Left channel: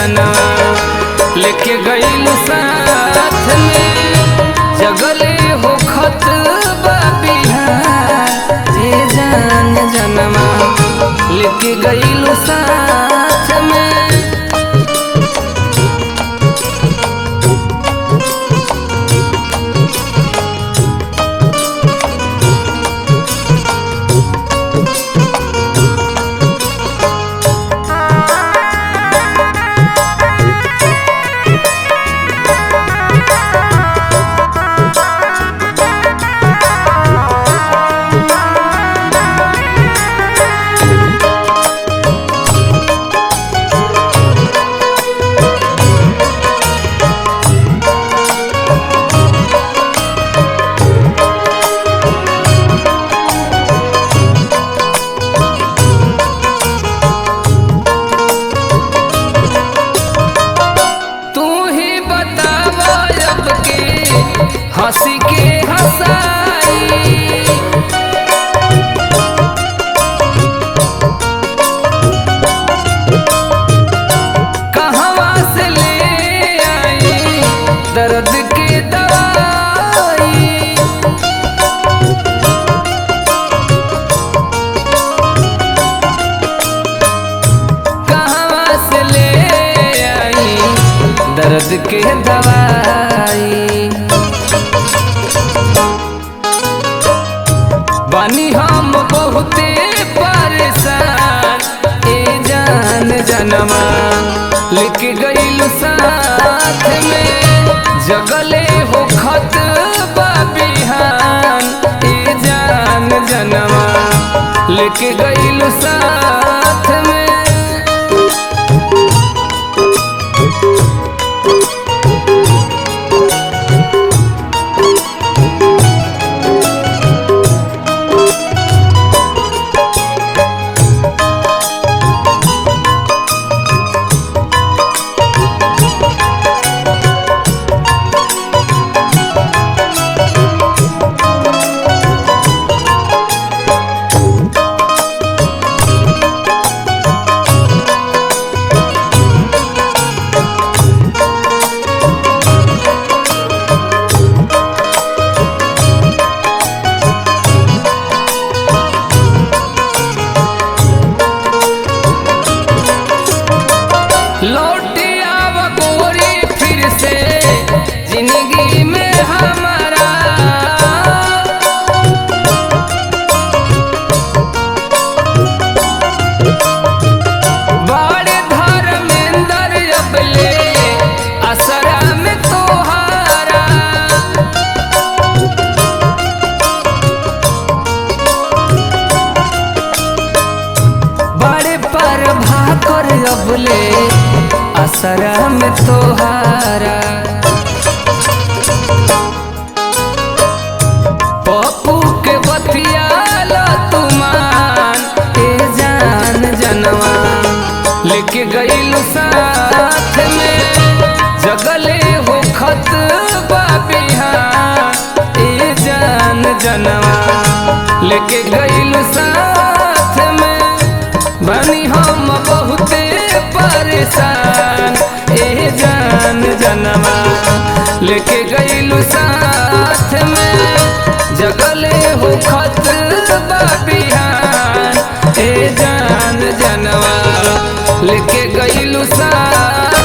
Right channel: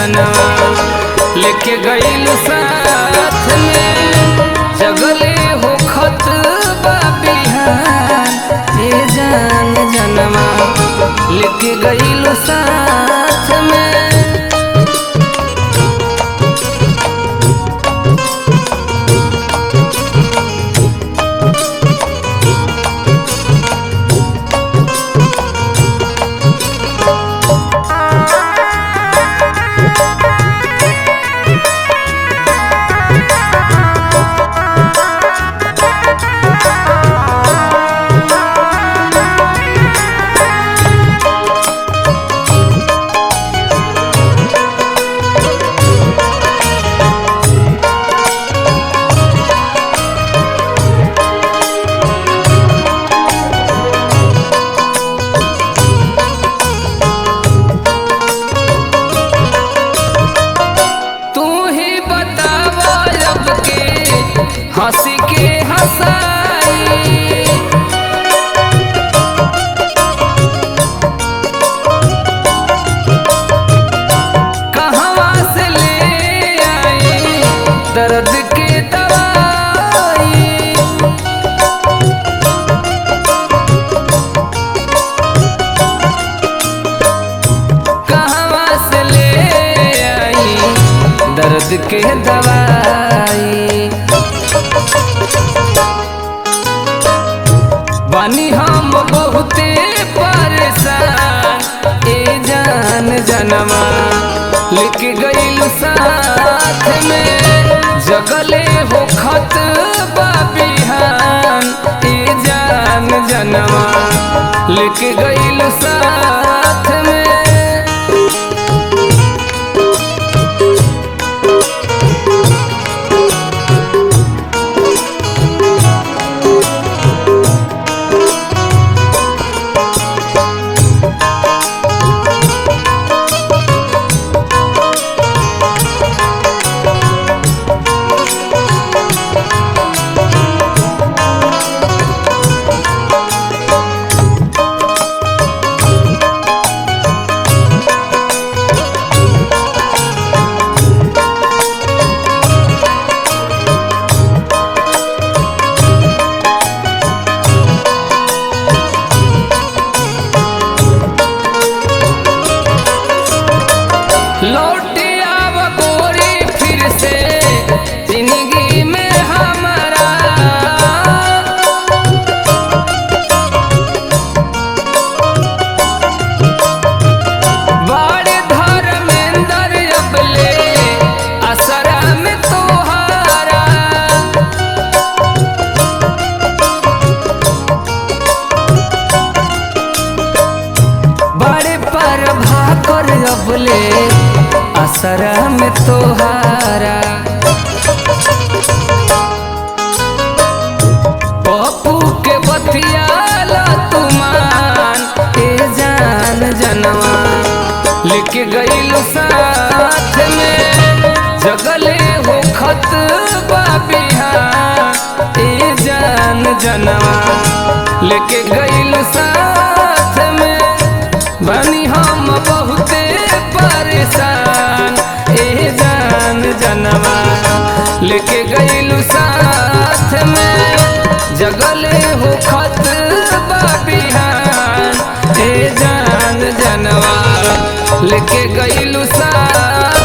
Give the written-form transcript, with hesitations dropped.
जनवा लेके गईलू साथ में जगले हो खत बिहान ए जान जनवा लेके गईलू साथ में। हंसी के हंसाई कहवा से ले आई दर्द के दवाई कहवा से ले आई दर्द के दवाई। बानी हम बहुते परेशान ए जान जनवा लेके गईलू साथ में जगले हो खत बिहान ए जान जनवा लेके गईलू साथ में। लौटी आव गोरी फिर से जिंदगी में हमारा बड़े धर्मेंद्र अबले असरा में तोहारा बड़े पर भाकर अबले असरा में तोहारा पप्पू के बतियाला तुमान ए जान जनवा लेके गईलू साथ में जगले हो खत बिहान ए जान जनवा लेके गईलू साथ में। बानी हम बहुते परेशान ए जान जनवा लेके गईलू साथ में जगले हो खत बिहान ए जान जनवा लेके गईलू साथ।